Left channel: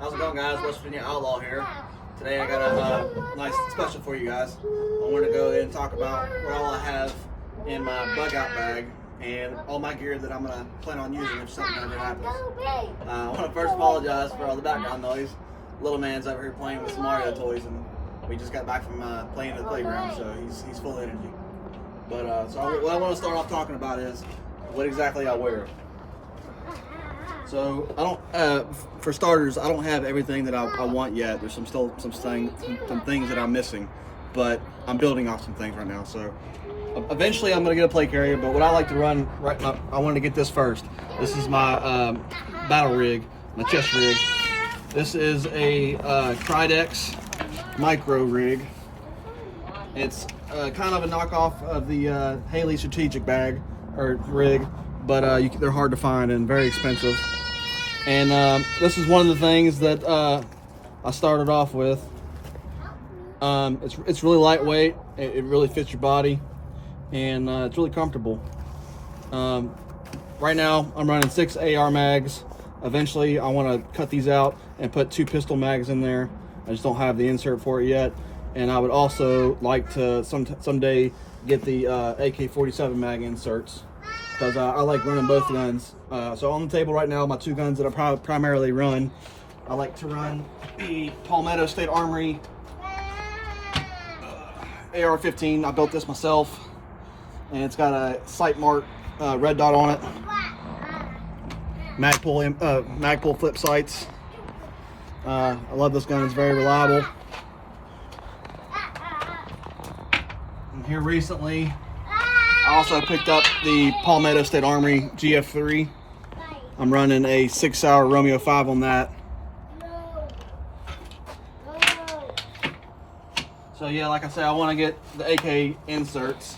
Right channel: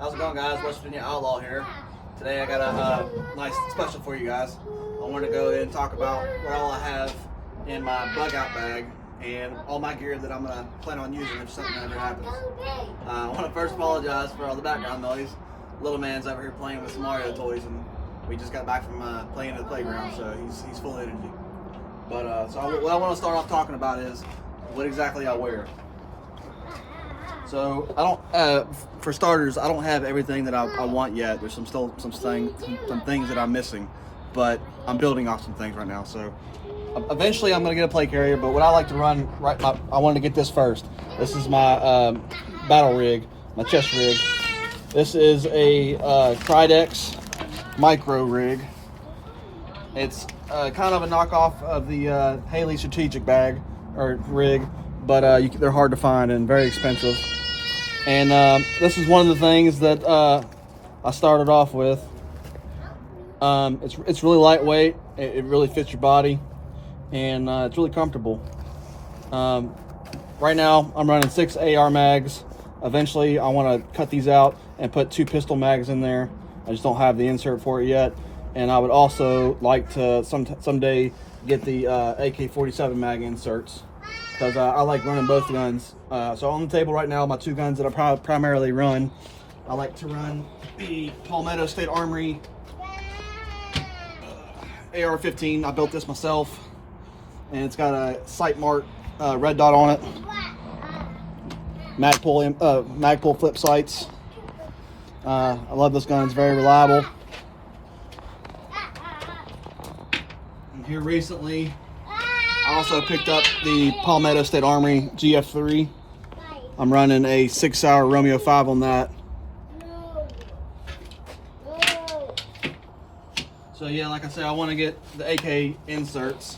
How's it going, guys? West Virginia Outlaw here. Today I got a nice special for you guys. I want to go ahead and talk about what all I have in my Bugout bag and all my gear that I'm going to plan on using if something ever happens. I want to first apologize for all the background noise. Little man's over here playing with some Mario toys, and we just got back from playing at the playground, so he's full of energy. But so what I want to start off talking about is what exactly I wear. So I don't, for starters, I don't have everything that I want yet. There's some things that I'm missing, but I'm building off some things right now. So eventually I'm gonna get a plate carrier, but what I like to run, I wanted to get this first. This is my battle rig, my chest rig. This is a Tridex micro rig. It's kind of a knockoff of the Haley strategic bag or rig, but they're hard to find and very expensive. And this is one of the things that I started off with. It's really lightweight. It really fits your body, and it's really comfortable. Right now, I'm running 6 AR mags. Eventually, I want to cut these out and put 2 pistol mags in there. I just don't have the insert for it yet. And I would also like to someday get the AK-47 mag inserts, because I like running both guns. So on the table right now, my 2 guns that I primarily run, I like to run the Palmetto State Armory AR-15. I built this myself, and it's got a sight mark red dot on it. Magpul flip sights. I love this gun. It's very reliable. And here recently, I also picked up the Palmetto State Armory GF3. I'm running a 6-hour Romeo 5 on that. So yeah, like I said, I want to get the AK inserts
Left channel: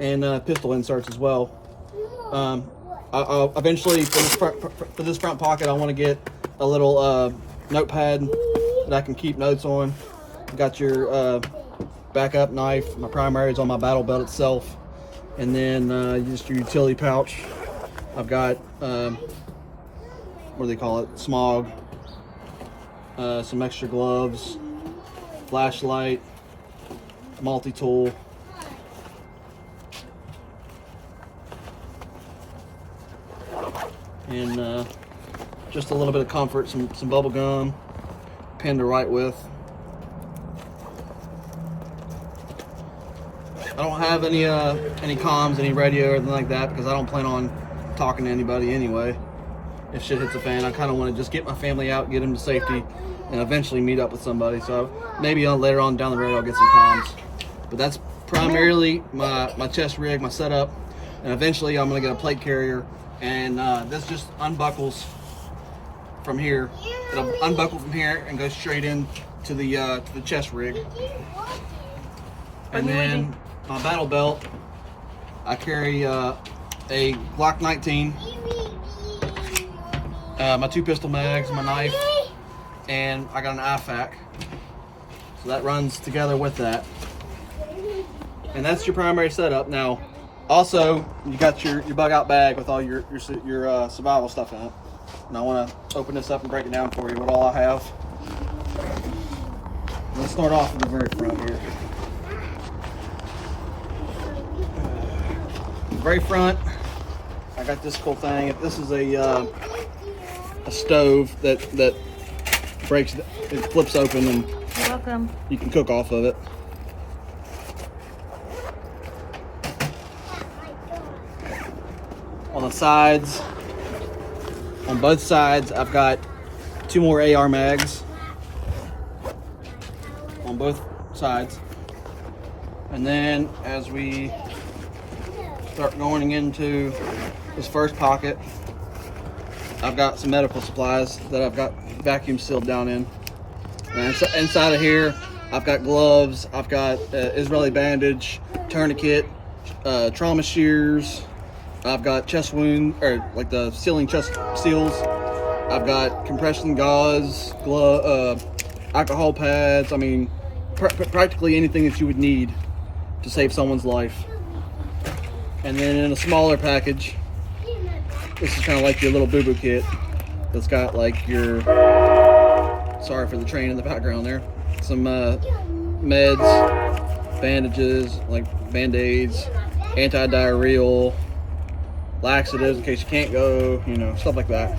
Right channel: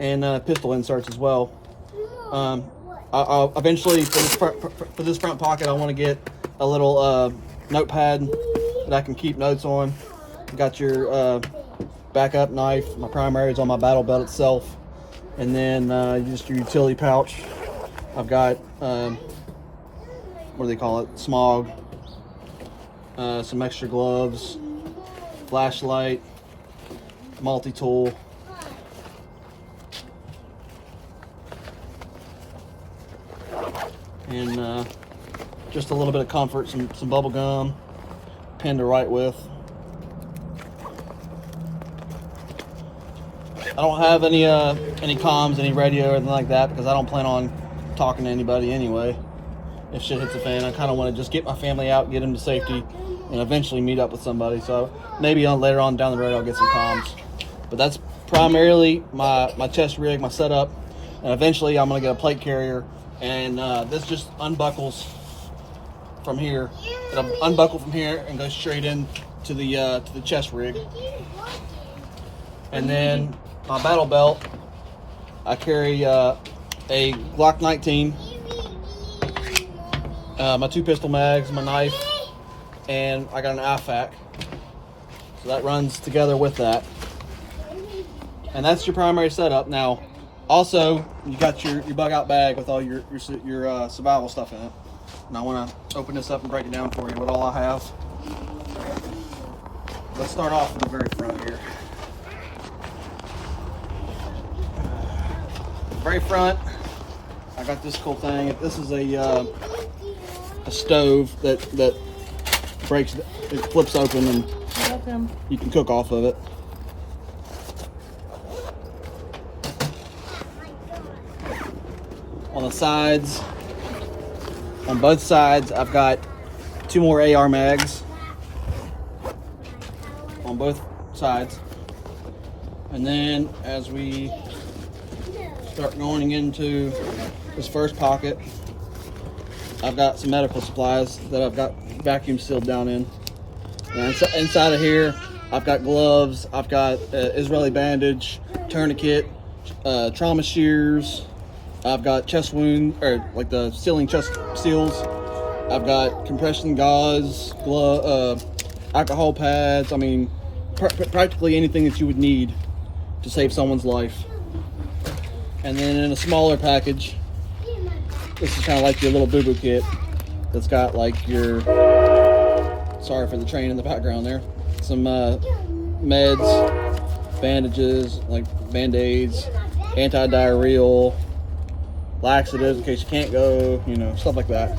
and pistol inserts as well. I'll eventually, for this front pocket, I want to get a little notepad that I can keep notes on. You got your backup knife. My primary is on my battle belt itself. And then just your utility pouch. I've got, what do they call it? Smog. Some extra gloves. Flashlight. Multi-tool. And just a little bit of comfort, some bubble gum. Pen to write with. I don't have any comms, any radio or anything like that, because I don't plan on talking to anybody anyway. If shit hits the fan, I kind of want to just get my family out, get them to safety, and eventually meet up with somebody. So maybe later on down the road I'll get some comms. But that's primarily my chest rig, my setup, and eventually I'm gonna get a plate carrier, and this just unbuckles from here. It'll unbuckle from here and go straight in to the chest rig, and then. My battle belt, I carry a Glock 19, my 2 pistol mags, my knife, and I got an IFAK. So that runs together with that. And that's your primary setup. Now, also, you got your Bugout bag with all your survival stuff in it. And I want to open this up and break it down for you, what all I have. Let's start off with the very front here. Very front, I got this cool thing. This is a stove that breaks, it flips open, and you can cook off of it. On the sides, on both sides, I've got 2 more AR mags on both sides. And then as we start going into this first pocket, I've got some medical supplies that I've got vacuum sealed down in. And inside of here, I've got gloves, I've got Israeli bandage, tourniquet, trauma shears, I've got chest wound, or like the sealing chest seals. I've got compression gauze, alcohol pads. I mean, practically anything that you would need to save someone's life. And then in a smaller package, this is kind of like your little boo-boo kit. that's got like your, sorry for the train in the background there, some meds, bandages, like Band-Aids, anti-diarrheal, laxatives in case you can't go, you know, stuff like that.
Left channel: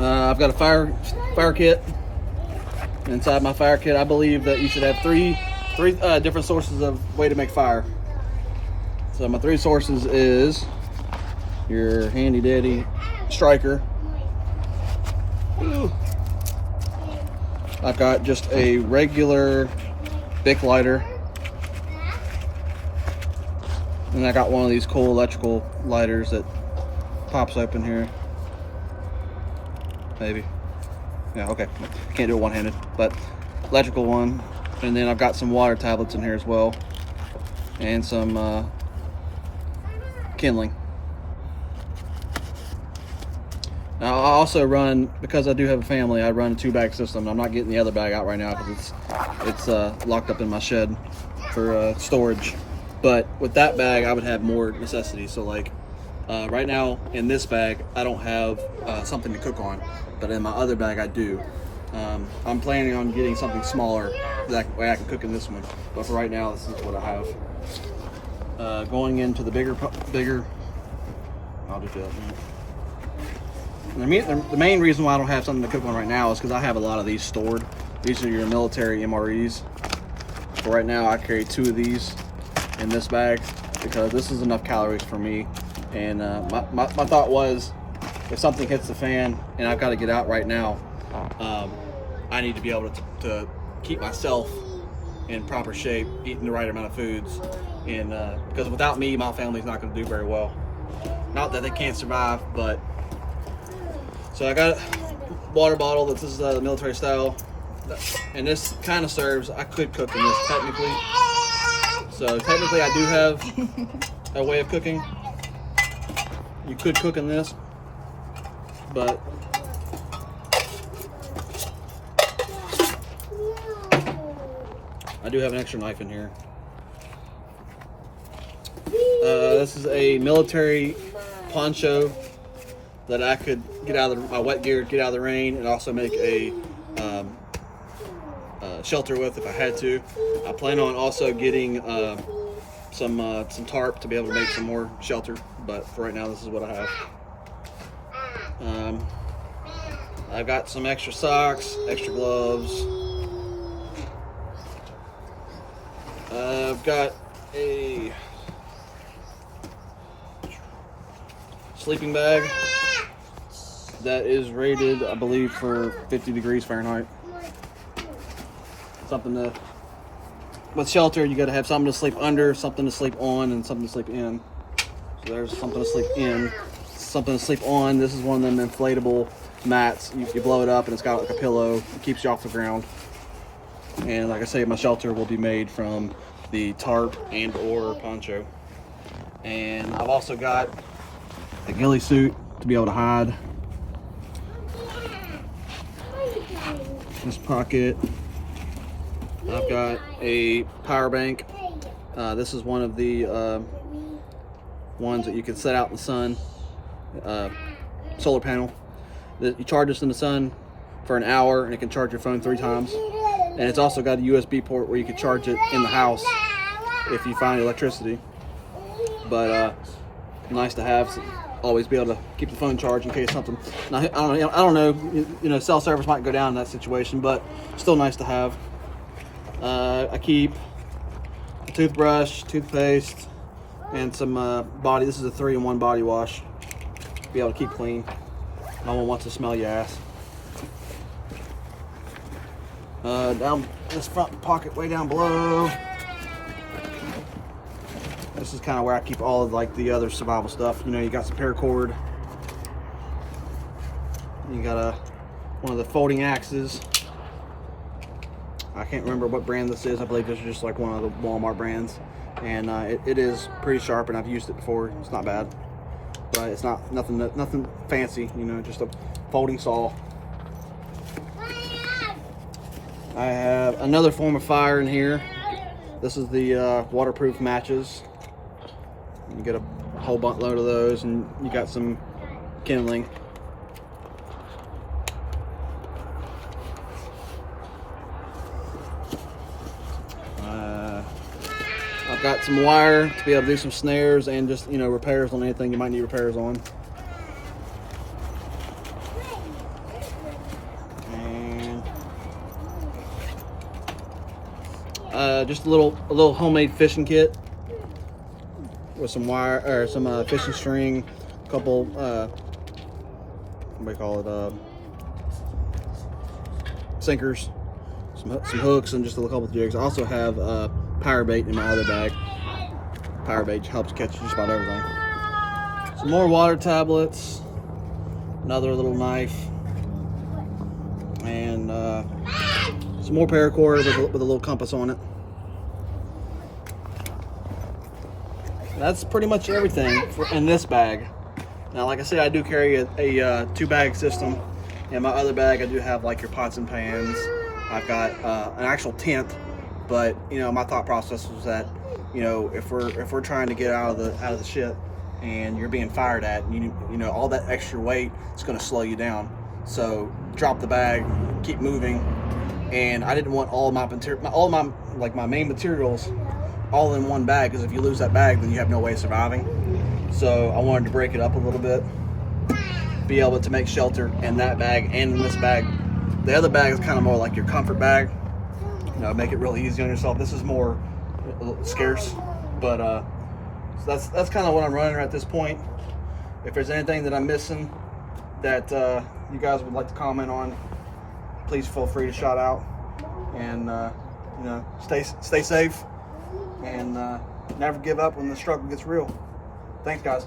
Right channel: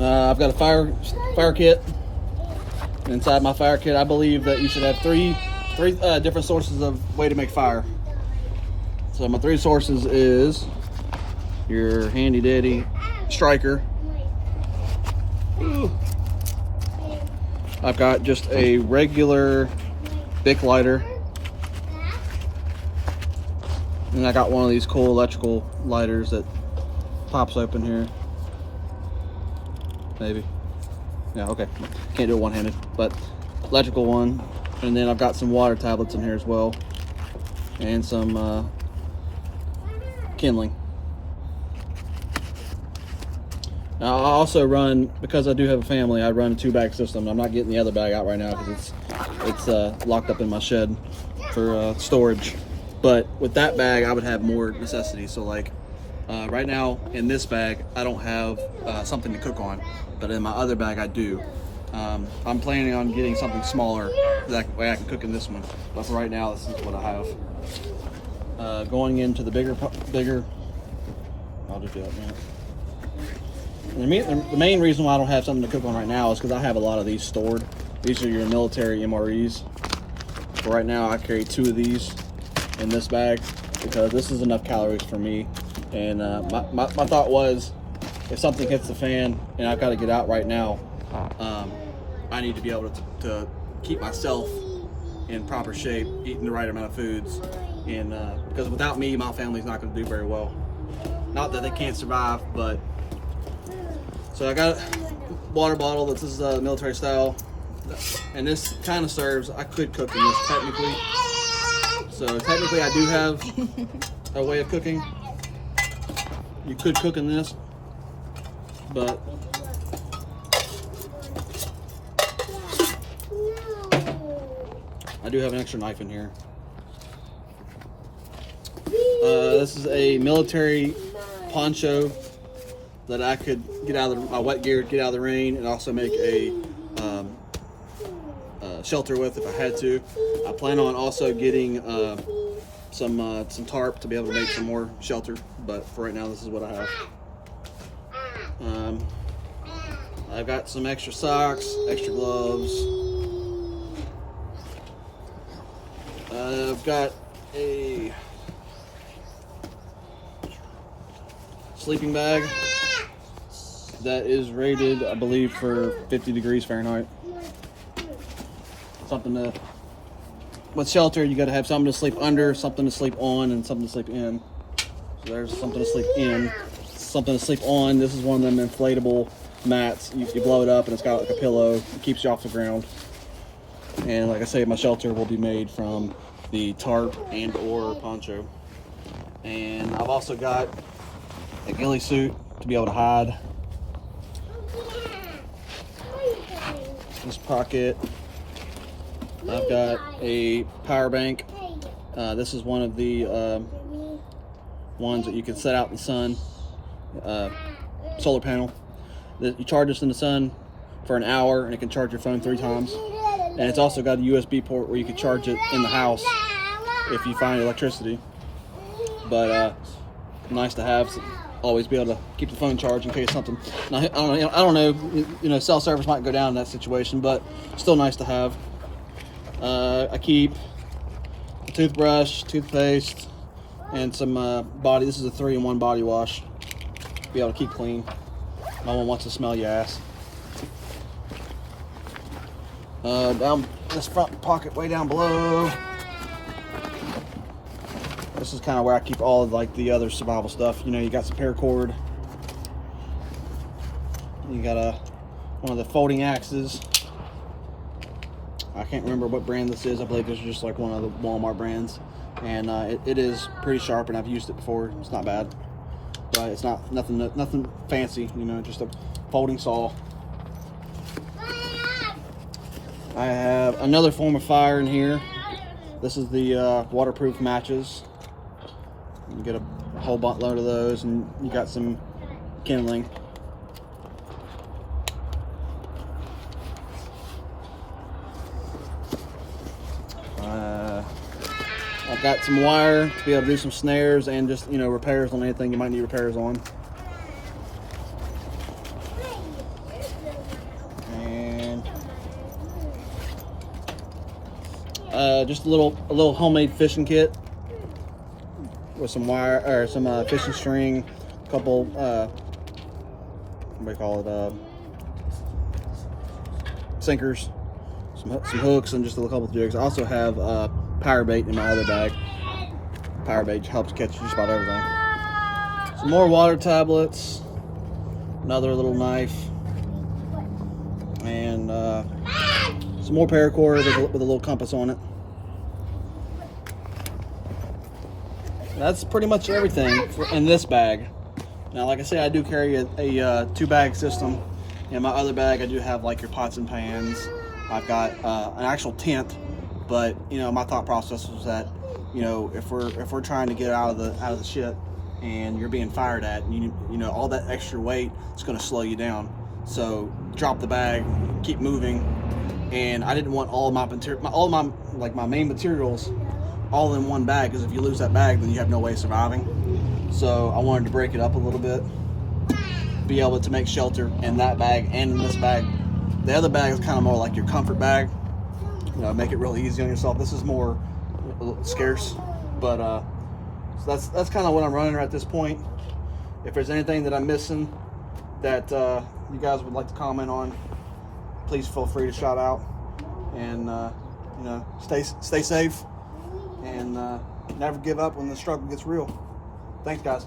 I've got a fire kit. Inside my fire kit, I believe that you should have three different sources of way to make fire. So my 3 sources is your handy dandy striker. Ooh. I've got just a regular Bic lighter, and I got one of these cool electrical lighters that pops open here. Maybe. Yeah, okay. Can't do it one-handed, but electrical one. And then I've got some water tablets in here as well, and some kindling. Now I also run, because I do have a family, I run a 2-bag system. I'm not getting the other bag out right now because it's locked up in my shed for storage. But with that bag, I would have more necessities. So like right now in this bag, I don't have something to cook on, but in my other bag I do. I'm planning on getting something smaller that way I can cook in this one. But for right now, this is what I have. Going into the bigger, I'll just do that. The main reason why I don't have something to cook on right now is because I have a lot of these stored. These are your military MREs. So right now I carry 2 of these in this bag because this is enough calories for me. And my thought was, if something hits the fan and I've got to get out right now, I need to be able to keep myself in proper shape, eating the right amount of foods, and because without me, my family's not going to do very well. Not that they can't survive, but so I got a water bottle. This is military style, and this kind of serves. I could cook in this technically, so technically I do have a way of cooking. You could cook in this, but I do have an extra knife in here. This is a military poncho that I could get out of my wet gear, get out of the rain, and also make a shelter with if I had to. I plan on also getting some tarp to be able to make some more shelter, but for right now, this is what I have. I've got some extra socks, extra gloves. I've got a sleeping bag that is rated, I believe, for 50 degrees Fahrenheit. Something to, with shelter, you got to have something to sleep under, something to sleep on, and something to sleep in. So there's something to sleep in, something to sleep on. This is one of them inflatable mats. You blow it up and it's got like a pillow. It keeps you off the ground. And like I say, my shelter will be made from the tarp and or poncho. And I've also got a ghillie suit to be able to hide. This pocket. I've got a power bank. This is one of the ones that you can set out in the sun. Solar panel. You charge this in the sun for an hour and it can charge your phone 3 times. And it's also got a USB port where you can charge it in the house if you find electricity. But nice to have. Always be able to keep the phone charged in case something. Now, I don't know. You know, cell service might go down in that situation, but still nice to have. I keep a toothbrush, toothpaste, and some body. This is a 3-in-1 body wash. Be able to keep clean. No one wants to smell your ass. Down this front pocket, way down below. This is kind of where I keep all of like the other survival stuff. You know, you got some paracord. You got one of the folding axes. I can't remember what brand this is. I believe this is just like one of the Walmart brands, and it is pretty sharp, and I've used it before. It's not bad, but it's not nothing fancy. You know, just a folding saw. I have another form of fire in here. This is the waterproof matches. You get a whole buttload of those, and you got some kindling. I've got some wire to be able to do some snares and just, you know, repairs on anything you might need repairs on. And just a little homemade fishing kit with some wire or some fishing string, a couple what do you call it, sinkers, some hooks, and just a couple of jigs. I also have power bait in my other bag. Power bait helps catch just about everything. Some more water tablets, another little knife, and some more paracord with a little compass on it. That's pretty much everything in this bag. Now, like I said, I do carry a 2-bag system. In my other bag, I do have like your pots and pans. I've got an actual tent, but you know, my thought process was that, you know, if we're trying to get out of the ship and you're being fired at, you know, all that extra weight is going to slow you down. So drop the bag, keep moving, and I didn't want all my main materials all in one bag, because if you lose that bag, then you have no way of surviving. So I wanted to break it up a little bit, be able to make shelter in that bag and in this bag. The other bag is kind of more like your comfort bag, you know, make it real easy on yourself. This is more scarce, but so that's kind of what I'm running at this point. If there's anything that I'm missing that you guys would like to comment on, please feel free to shout out, and you know, stay safe, and never give up when the struggle gets real. Thanks, guys.